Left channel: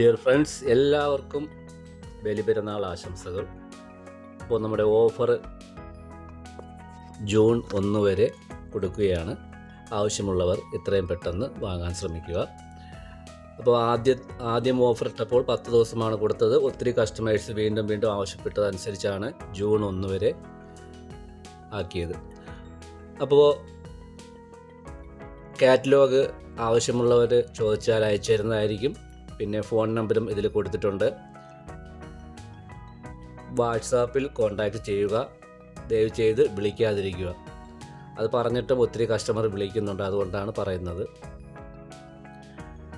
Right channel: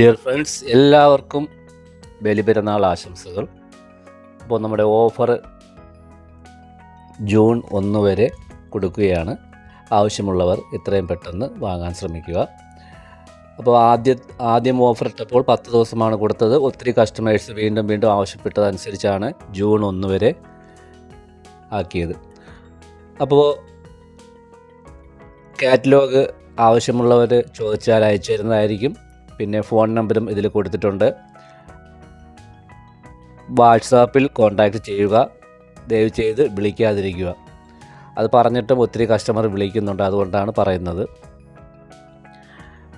Dear friends, എല്ലാവർക്കും ബലിപെരുന്നാൾ ആശംസകൾ. അപ്പോൾ നമ്മുടെ ഓഫർ ജൂൺ 1 വരെ കൊടുക്കുകയാണ്. ആവശ്യമുള്ളവർ എത്രയും പെട്ടെന്ന് വാങ്ങാൻ ശ്രമിക്കുക. അപ്പോൾ ആദ്യം ഓഫർ ഇട്ടപ്പോൾ 10 ദിവസമാണ് കൊടുത്തത്. ഒത്തിരി കസ്റ്റമേഴ്സ് വീണ്ടും ആവശ്യപ്പെട്ടതനുസരിച്ചാണ് ജൂൺ 1 വരെ ആക്കിയത്. അപ്പോൾ കാറ്റലോഗ് ആവശ്യമുള്ളവർ ചോദിച്ചാൽ അയച്ചു തരുന്നതായിരിക്കും. പിന്നെ ഫോൺ നമ്പറും ഇതിൽ കൊടുത്തിട്ടുണ്ട്. വാട്സാപ്പിൽ കോൺടാക്റ്റ് ചെയ്യുക. ദയവ് ചെയ്ത് വിളിക്കാതിരിക്കുക. അത് പറഞ്ഞിട്ടും ഒത്തിരി കസ്റ്റമർ വിളിക്കുന്നുണ്ട്, അതുകൊണ്ടാണ് പറയുന്നത്.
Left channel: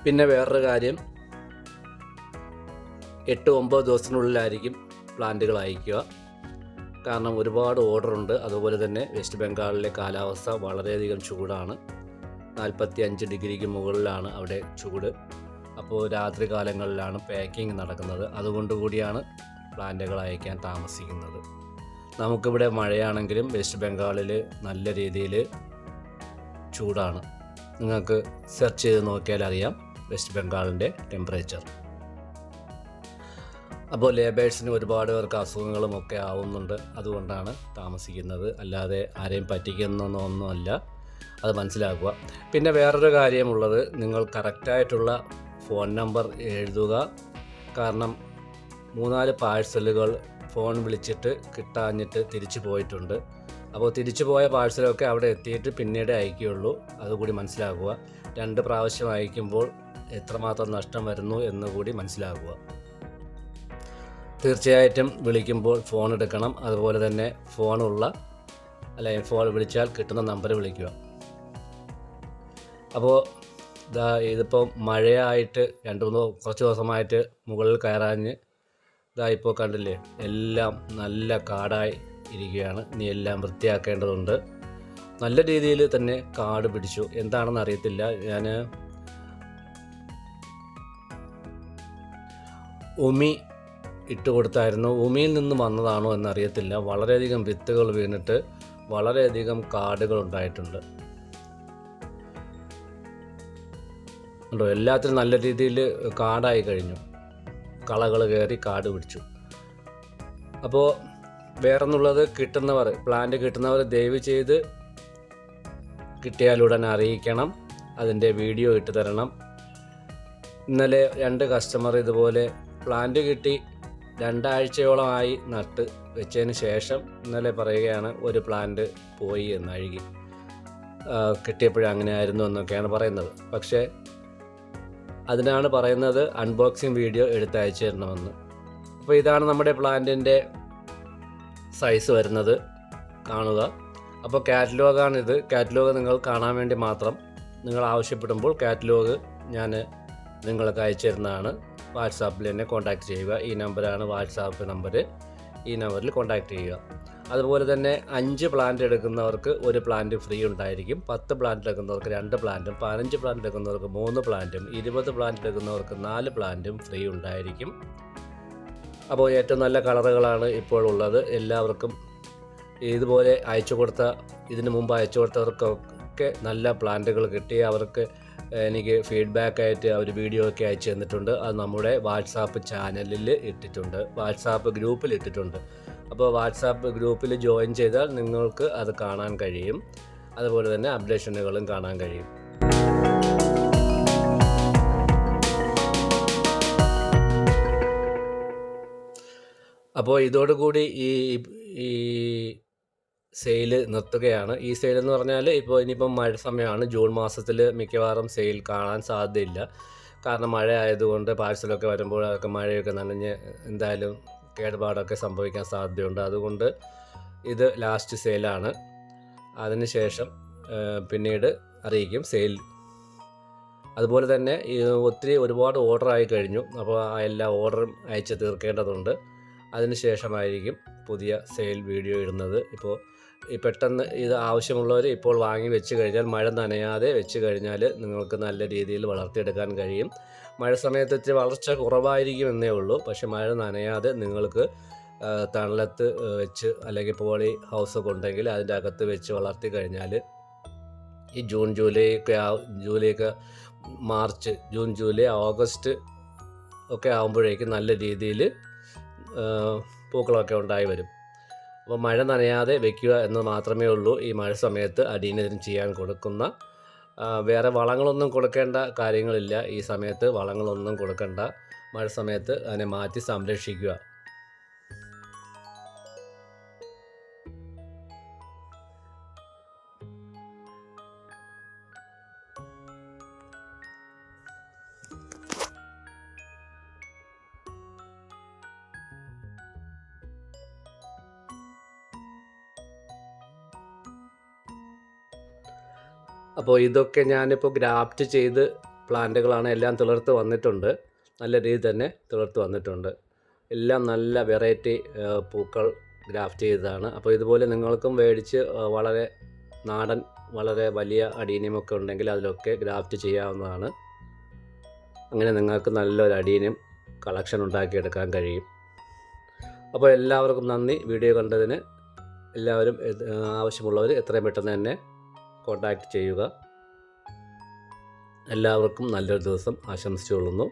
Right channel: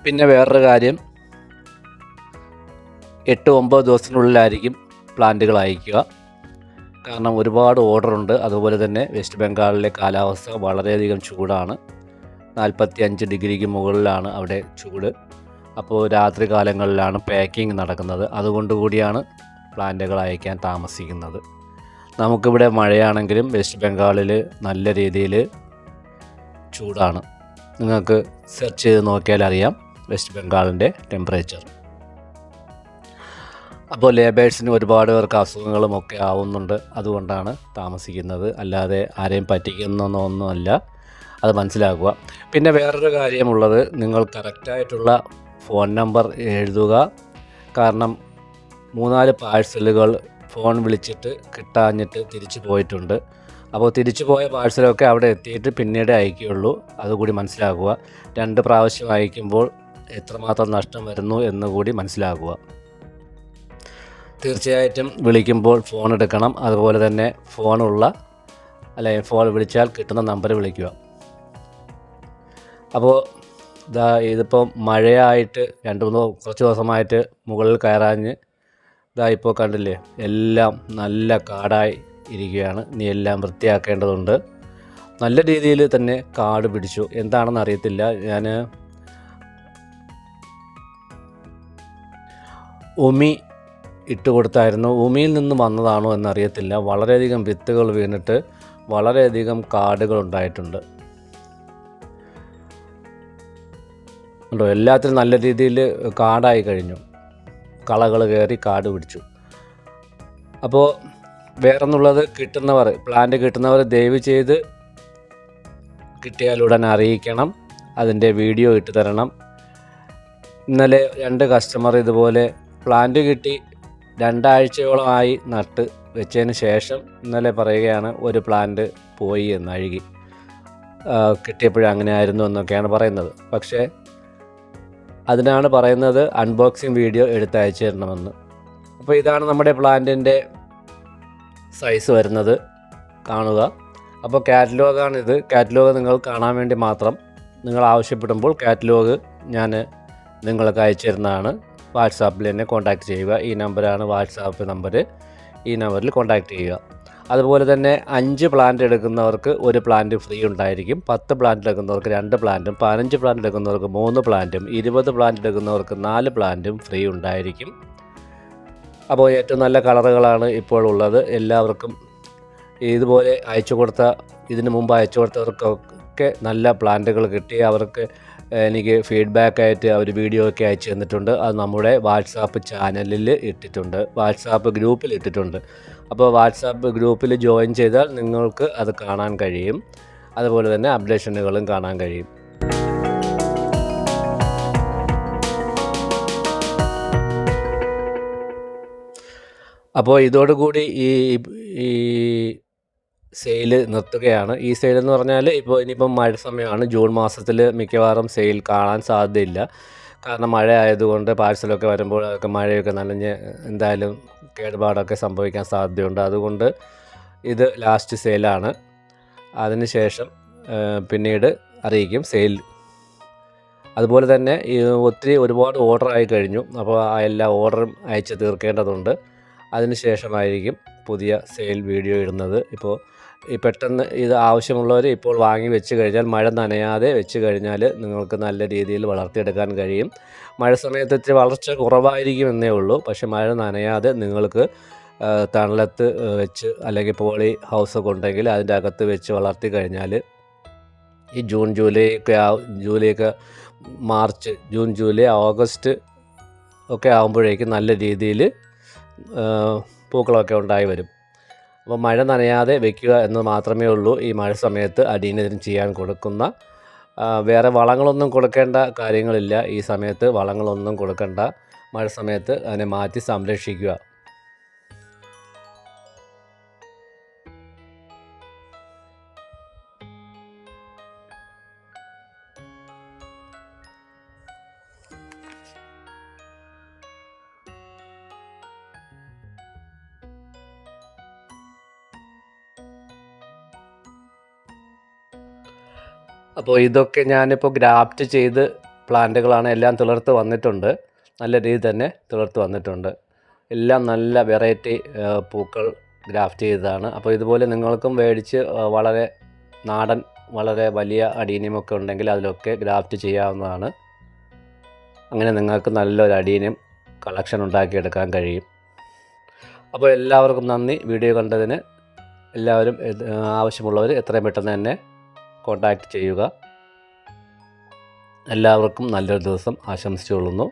പിന്നെ വേറൊരു കാര്യം, 8-9 ദിവസത്തിനുള്ളിലായിരിക്കും പ്ലാന്റുകൾ അയക്കുക. കാരണം ഒരുപാട് ഓർഡറുണ്ട്. അതുപോലെ തന്നെ വെസ്റ്റ് ബംഗാളിലെ കാലാവസ്ഥ വളരെയധികം ചൂടാണ്. 45 ഡിഗ്രിക്ക് മുകളിലാണ് അവിടെ ചൂട്. അപ്പോൾ രാത്രി കാലങ്ങളിലാണ് പാക്കിംഗ് നടക്കുന്നത്. അതുകൊണ്ട് കൂടിയാണ് പ്ലാന്റുകൾ അയക്കാൻ താമസിക്കുന്നത്. നമുക്കിവിടെ മഴയാണെങ്കിലും വെസ്റ്റ് ബംഗാളിൽ നല്ല രീതിയിൽ ചൂടാണ്. നിങ്ങൾക്ക് സെർച്ച് ചെയ്ത് നോക്കിയാൽ അറിയാം വെസ്റ്റ് ബംഗാളിൻ്റെ ടെമ്പറേച്ചർ. അപ്പോൾ ലേബേഴ്സിന് ഒരുപാട് പേർക്ക് അസുഖങ്ങളുമൊക്കെ ആവുന്നുണ്ട്. അതുകൊണ്ടാണ് താമസിക്കുന്നത്, അല്ലാതെ ആരെയും പറ്റിക്കുന്നൊന്നുമല്ല. അത് മനസ്സിലാക്കുക. പിന്നെ വേറൊരു കാര്യമുള്ളത്, നിങ്ങൾ കറക്റ്റായിട്ടുള്ള ഫോൺ നമ്പർ എഴുതുക. കാരണം 3-4 പാഴ്സലുകൾ ഫോൺ വിളിച്ചിട്ട് കിട്ടാഞ്ഞിട്ട് തിരിച്ചു പോയിട്ടുണ്ട്. അപ്പോൾ തിരിച്ചു പോയ പാഴ്സലൊക്കെ അവിടെ എത്തിയിട്ട് പിന്നീട് അയക്കുകയുള്ളൂ. അതുകൂടി മനസ്സിലാക്കുക. 2 പ്രാവശ്യം അയക്കുമ്പോൾ എത്രമാത്രം നഷ്ടം വരുന്നു എന്നുകൂടി മനസ്സിലാക്കുക. തീർച്ചയായിട്ടും വിളിക്കുമ്പോൾ ഫോൺ എടുക്കണം. അതുപോലെ തന്നെ ഫോൺ വിളിച്ചാൽ കിട്ടുന്ന നമ്പർ വിളിക്കുക. അപ്പോൾ ഇതിപ്പോൾ മഴയായിട്ട് കുറച്ച് ദിവസമായിട്ട് മുകളിൽ കയറാഞ്ഞ് ഇപ്പോൾ കണ്ടില്ലേ, എല്ലാം നല്ല കാടായി ഇരിക്കുകയാണ്. ഇനി എല്ലാം വൃത്തിയാക്കേണ്ടതുണ്ട്. നല്ല രീതിയിൽ തന്നെ കാട് പിടിച്ചു. എന്താണെന്ന് അറിയത്തില്ല. ഞാൻ ഉമി ഇട്ട് കൊടുത്തായിരുന്നു. ഉമിയിൽ നിന്ന് വന്നതാണോ എന്നറിയത്തില്ല. വളരെയധികം വിത്തുകൾ വീണിട്ട് വളരെയധികം കാടുകൾ ഉണ്ടായിട്ടുണ്ട്. ഉണ്ടോ, എല്ലാത്തിനും നല്ല രീതിയിൽ കാടായി കഴിഞ്ഞു. കളകൾ കയറി കാട് പിടിച്ചു. അപ്പോൾ വേറൊന്നുള്ളത്, പ്ലാന്റ് കിട്ടുന്നവർ ദയവ് ചെയ്ത് കിട്ടിയാലുടൻ അറിയിക്കണം. അതിൻ്റെ വീഡിയോ ഇട്ട് തരണം. ഇന്നലെ 2 കസ്റ്റമർ ഇതുപോലെ പ്ലാന്റ് കിട്ടി 2 ആഴ്ചയോളമായി നട്ട് വെച്ചതിന് ശേഷം ഇന്നലെ പറയുകയാണ് ഒരു പ്ലാന്റ് പോയി എന്ന്, അഴുകി. കിട്ടിയപ്പോഴും അങ്ങനെ ആയിരുന്നു എന്നൊക്കെയാണ് പറയുന്നത്. പക്ഷേ അതിനാണ് പറയുന്നത് അൺബോക്സിങ് വീഡിയോ എടുത്ത് അയച്ചു തരണമെന്ന്. അപ്പോൾ ഇതാണ് നമ്മുടെ പ്ലാന്റിൻ്റെ സൈസ് വരുന്നത്, കാണുക. അപ്പോൾ കാറ്റലോഗാണിത്. കാറ്റലോഗ് നിങ്ങൾ കാണാൻ വേണ്ടി മാത്രം നിങ്ങൾ ആവശ്യപ്പെടുമ്പോൾ കാറ്റലോഗ് ഞാൻ നിങ്ങൾക്ക് അയച്ചു തരുന്നതാണ്. വാട്സാപ്പിൽ എന്നെ കോൺടാക്റ്റ് ചെയ്യുക. ഈ നമ്പറാണ് വാട്സാപ്പ് നമ്പർ. ഈ നമ്പറിൽ കോൺടാക്റ്റ് ചെയ്യുക. അതുപോലെ തന്നെ 5 പ്ലാന്റ് എടുക്കുന്നവർക്ക് 1 പ്ലാന്റ് ഫ്രീ ഉണ്ടായിരിക്കും. 10 പ്ലാന്റ് എടുക്കുന്നവർക്ക് 2 പ്ലാന്റും 15 പ്ലാന്റ് എടുക്കുന്നവർക്ക് 3 പ്ലാന്റും 20 പ്ലാന്റ് എടുക്കുന്നവർക്ക് 4 പ്ലാന്റും ഫ്രീ ഉണ്ടായിരിക്കും. അപ്പോൾ ഏറ്റവും നല്ല കളറുകളാണ് ഇപ്പോൾ ഉള്ളത്. എല്ലാവർക്കും ഇതുപോലെ ഇതിനു മുമ്പ് അയച്ചു കൊടുത്തവർക്കൊക്കെ നല്ല പ്ലാന്റുകൾ കിട്ടി. അവർക്ക് എനിക്ക് ഫീഡ്ബാക്കായിട്ട് അവർ വീഡിയോ ഒക്കെ അയച്ചു തന്നിട്ടുണ്ട്. അത് നമ്മുടെ വാട്സാപ്പ് ചാനലിൽ ഇട്ടിട്ടുണ്ട്, വാട്സാപ്പ് ഗ്രൂപ്പിൽ ഇട്ടിട്ടുണ്ട്. അപ്പോൾ വാട്സാപ്പ് ഗ്രൂപ്പിൽ ജോയിൻ ചെയ്താൽ നിങ്ങൾക്ക് അത് കാണാൻ കഴിയും. അതുപോലെ തന്നെ അപ്ഡേഷനുകളും കാണാൻ കഴിയും. അപ്പോൾ ഇതോടുകൂടി ഈ സെയിൽ നിർത്തുകയാണ്. ഈ സെയിൽ എന്ന് പറഞ്ഞാൽ ഇനിയിപ്പം മഴ സമയമാണ്. ജൂൺ മാസത്തിൽ മിക്കവാറും സെയിൽ കാണാൻ സാധ്യതയില്ല. കാരണം മഴ ആയതുകൊണ്ട് പാഴ്സലൊക്കെ വരുമ്പോൾ അതൊക്കെ മഴയൊക്കെ നനഞ്ഞ് എന്തായാലും കേടുപാടൊക്കെ സംഭവിക്കാൻ സാധ്യതയുണ്ട്. അതുകൊണ്ട് ഇത് ലാസ്റ്റ് സെയിലാണ്. അതിനുശേഷം പിന്നീട് അറിയിക്കും സെയിൽ. അതുപോലെ തന്നെ ഒരുപാട് ഓർഡർ ആയി കഴിഞ്ഞു. അപ്പോൾ എല്ലാ ഓർഡറും അയച്ച് തീർക്കേണ്ടതുണ്ട്. അതിനുശേഷമായിരിക്കും പുതിയ സെയിൽ വീഡിയോ ഇടുന്നത്. ഇപ്പോൾ പെട്ടെന്ന് ഇത് ആവശ്യമുള്ളവർ ഇപ്പോൾ വാങ്ങി വെച്ച് കഴിഞ്ഞാൽ, മഴ നനയാതെ വെച്ച് കഴിഞ്ഞാൽ നിങ്ങൾക്ക് നല്ല രീതിയിൽ വളർത്തിയെടുക്കാൻ കഴിയും. മഴ സമയത്ത് ഇത്തിരി വളർച്ച കുറവായിരിക്കും എന്നേ ഉള്ളൂ. പക്ഷേ മഴ നനയാതെ നിങ്ങൾക്ക് തണലത്ത് വെച്ച് അല്ലെങ്കിൽ പോളി ഹൗസൊക്കെ ഉണ്ടെങ്കിൽ അതിൻ്റെ അകത്ത് വെച്ച് വളർത്തി കഴിഞ്ഞാൽ ഈ ജൂൺ ജൂലൈ ഓഗസ്റ്റ് ഒക്കെ ആകുമ്പോഴേക്കും നല്ല രീതിയിൽ പൂക്കളൊക്കെ ഉണ്ടായി വരും. അപ്പോൾ മഴ നനയാതെ വെക്കുക എന്ന് മാത്രമേ ഉള്ളൂ ഈ മഴ സമയത്ത് അടിയനതിന് ചെയ്യാൻ കൊടുക്കുന്ന. വേറെ വളങ്ങളൊന്നും കൊടുക്കേണ്ട കാര്യങ്ങളില്ല. ഈ സമയത്ത് വളങ്ങളൊന്നും കൊടുക്കണ്ട. മഴ സമയത്ത് അതിനെ മാറ്റി സംരക്ഷിക്കുക. അപ്പോൾ ഇതൊക്കെ ഞാനിപ്പോൾ ഗ്രാഫ്റ്റ് ചെയ്ത് പ്ലാന്റുകളാണ്. എല്ലാം തുളർത്ത് വന്നിട്ടുണ്ട്. നല്ല രീതിയിൽ തന്നെ തുളർത്ത് വന്നിട്ടുണ്ട്. എല്ലാം നല്ല വെറൈറ്റി പൂക്കൾ ഗ്രാഫ്റ്റ് ചെയ്തതാണ്. അപ്പോൾ ഇതുപോലെ നിങ്ങൾക്കും മേടിച്ച് വളരെ നാടൻ വളരെ വലിയ അടീനിയമൊക്കെ ഉണ്ടെങ്കിൽ അതിലൊക്കെ ഗ്രാഫ്റ്റ് ചെയ്യാവുന്നതാണ്. അങ്ങനെ നിങ്ങൾക്ക് നല്ലൊരു അടീനിയം കളക്ഷൻ ഉണ്ടാക്കിയെടുക്കാൻ കഴിയും. അപ്പോൾ എല്ലാവർക്കും നന്ദി. വീഡിയോ കണ്ടതിന് എല്ലാവരും ആവശ്യമുള്ളവർ എത്രയും പെട്ടെന്ന് തന്നെ കോൺടാക്റ്റ് ചെയ്യുക. എല്ലാവർക്കും നല്ലൊരു ദിവസം ആശംസിച്ചുകൊള്ളുന്നു.